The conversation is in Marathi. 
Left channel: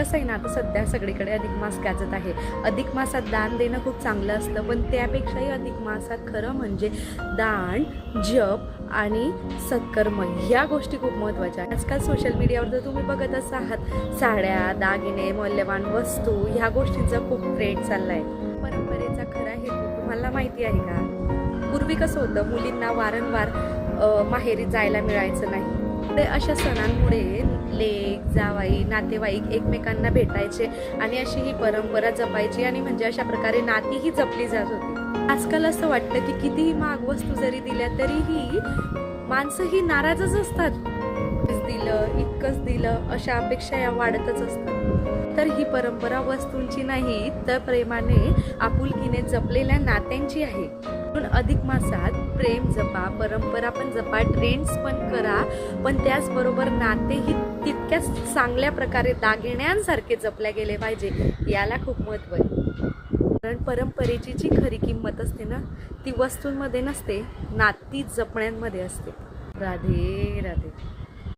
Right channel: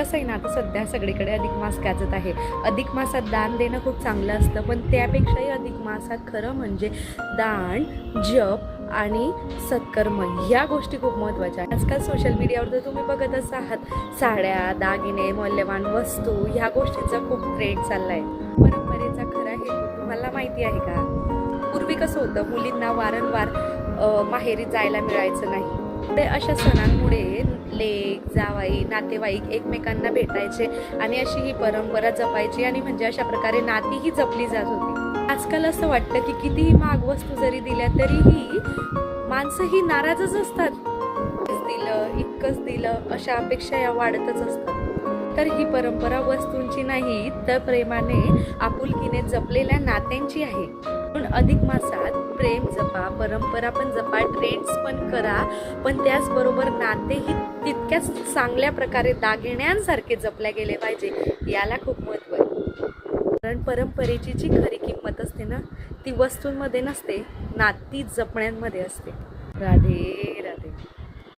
कसं आहे ना, आता सध्या सगळीकडे अधिक मास गाजत आहे. अधिक मासात दान देणं खूप चांगलं असतं, पण त्यापेक्षाही अधिक मासात खरं म्हणजे दान, जप आणि सत्कर्म या गोष्टी खूप महत्त्वाच्या आहेत. आजकाल सोशल मीडियावर तर तुम्ही बघतच आहात, साड्या, दागिने, मौल्यवान वस्तू ह्या गोष्टींचा खूप ट्रेंड चालला आहे. परंपरेचा खरा हेतू तुम्हाला माहिती आहे का? पूर्वी कसं होतं, मुलींना वारंवार माहेरी जायला मिळायचं नाही. ते अशा सणांमुळे लेक, जावाई, नातेवाईक एकमेकांना भेटायचे आणि अशी ही परंपरा जपायची आणि म्हणजे अशा प्रकारे नातीही जपली जात होती. आजकाल असं वाटतं की कितीही महाग वस्तू जरी दिल्या तरीही माणसं ही नाराजच असतात. दिलं, इतकंच दिलं अशा अपेक्षा या वाढतच असतात. तर ही परंपरा वस्तूंची नाही, तर प्रेमाने, आपुलकीने जपलेल्या नात्यांची आहे. म्हणून अधिक मासात प्रेम जपा, परंपरा पण जपा, ट्रेंड्स पण करा, पण त्याचबरोबर नातेही तितक्याच चांगल्या प्रकारे दागिन्यांसारखे जपल्या गेले पाहिजे. याला खूप महत्त्व आहे. कारण परंपरेची जी खरी किंमत असते ना, ती वस्तूंमध्ये नसते, नाती जपण्यामध्ये असते. राधे राधे.